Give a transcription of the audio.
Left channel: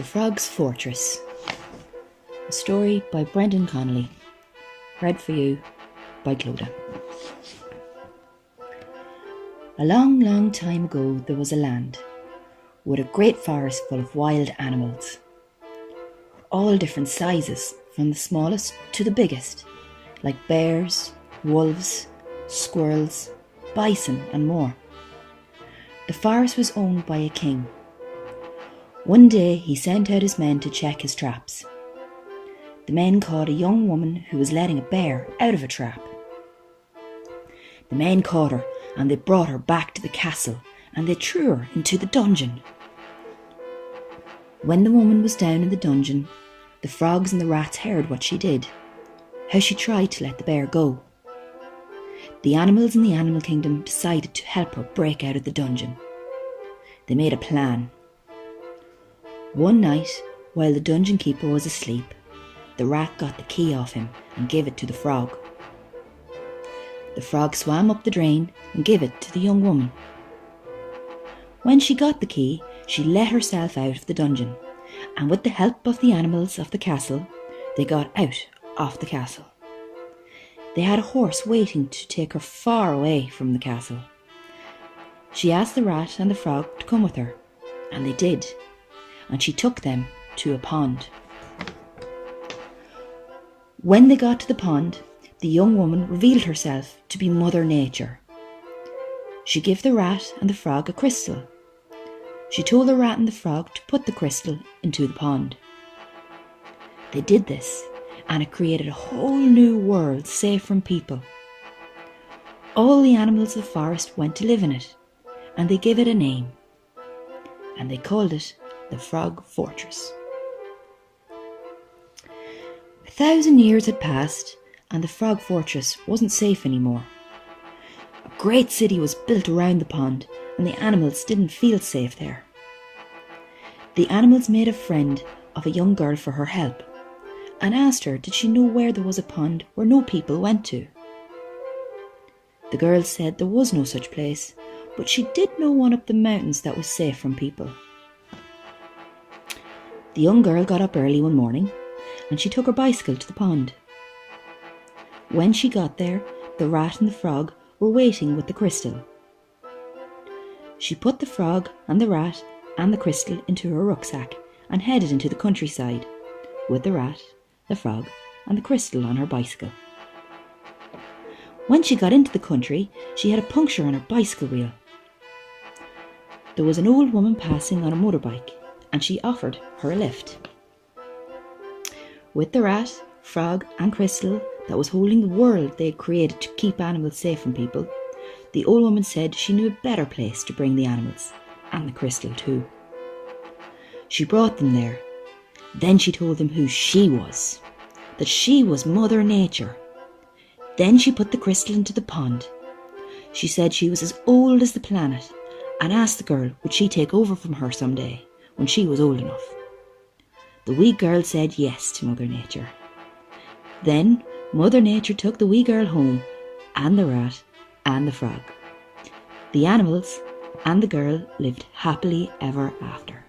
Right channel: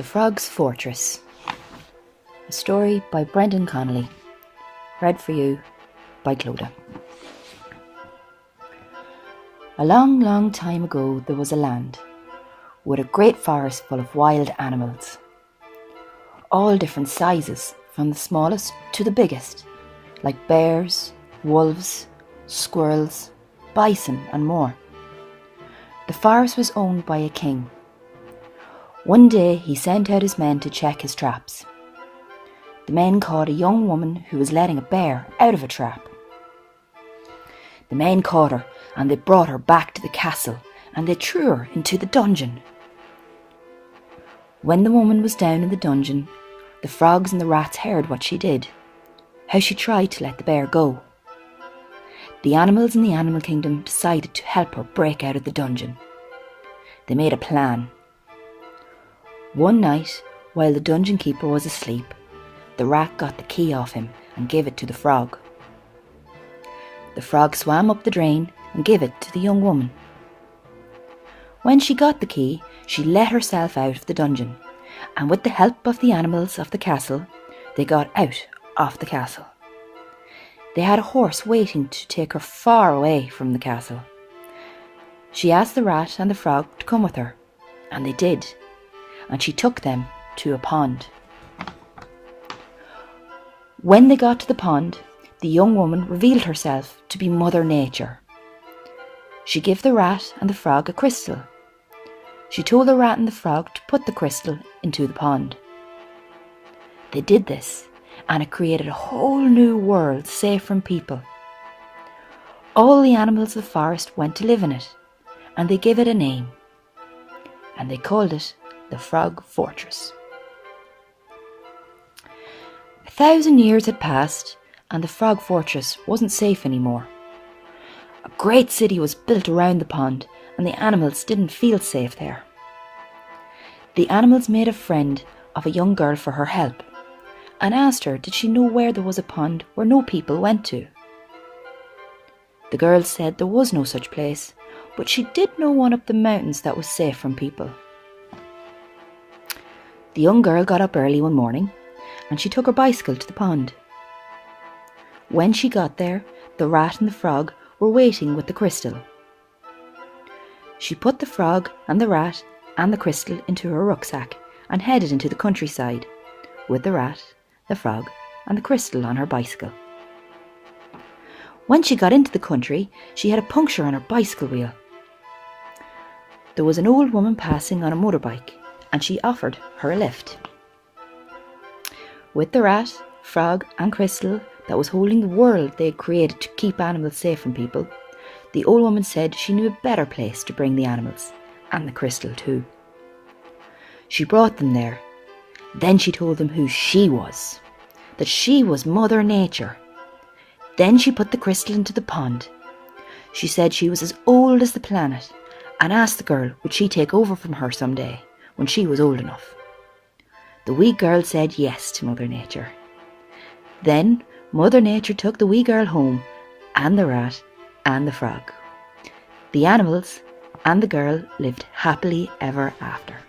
The Frog's Fortress. A story by Brendan Connolly. Read for you by Clodagh. A long, long time ago there was a land with a great forest full of wild animals. All different sizes, from the smallest to the biggest, like bears, wolves, squirrels, bison and more. The forest was owned by a king. One day he sent out his men to check his traps. The men caught a young woman who was letting a bear out of a trap. The men caught her and they brought her back to the castle and they threw her into the dungeon. When the woman was down in the dungeon, the frogs and the rats heard what she did, how she tried to let the bear go. The animals in the animal kingdom decided to help her break out of the dungeon. They made a plan. One night, while the dungeon keeper was asleep, the rat got the key off him and gave it to the frog. The frog swam up the drain and gave it to the young woman. When she got the key, she let herself out of the dungeon, and with the help of the animals of the castle, they got out of the castle. They had a horse waiting to take her far away from the castle. She asked the rat and the frog to come with her, and they did, and she took them to a pond. When they got to the pond, the young woman revealed herself to be Mother Nature. She gave the rat and the frog a crystal. She told the rat and the frog to put the crystal into the pond. They did this, and it created a whole new world safe from people. All the animals of the forest went to live in it, and they gave it a name, and they called it the Frog Fortress. 1,000 years had passed, and the Frog Fortress wasn't safe anymore. A great city was built around the pond, and the animals didn't feel safe there. The animals made a friend of a young girl for her help, and asked her did she know where there was a pond where no people went to. The girl said there was no such place, but she did know one up the mountains that was safe from people. The young girl got up early one morning and she took her bicycle to the pond. When she got there, the rat and the frog were waiting with the crystal. She put the frog and the rat and the crystal into her rucksack and headed into the countryside with the rat, the frog and the crystal on her bicycle. When she got into the country, she had a puncture on her bicycle wheel. There was an old woman passing on a motorbike, and she offered her a lift. With the rat, frog and crystal that was holding the world they had created to keep animals safe from people, the old woman said she knew a better place to bring the animals, and the crystal too. She brought them there. Then she told them who she was, that she was Mother Nature. Then she put the crystal into the pond. She said she was as old as the planet, and asked the girl would she take over from her someday when she was old enough. The wee girl said yes to Mother Nature. Then Mother Nature took the wee girl home, and the rat and the frog. The animals and the girl lived happily ever after.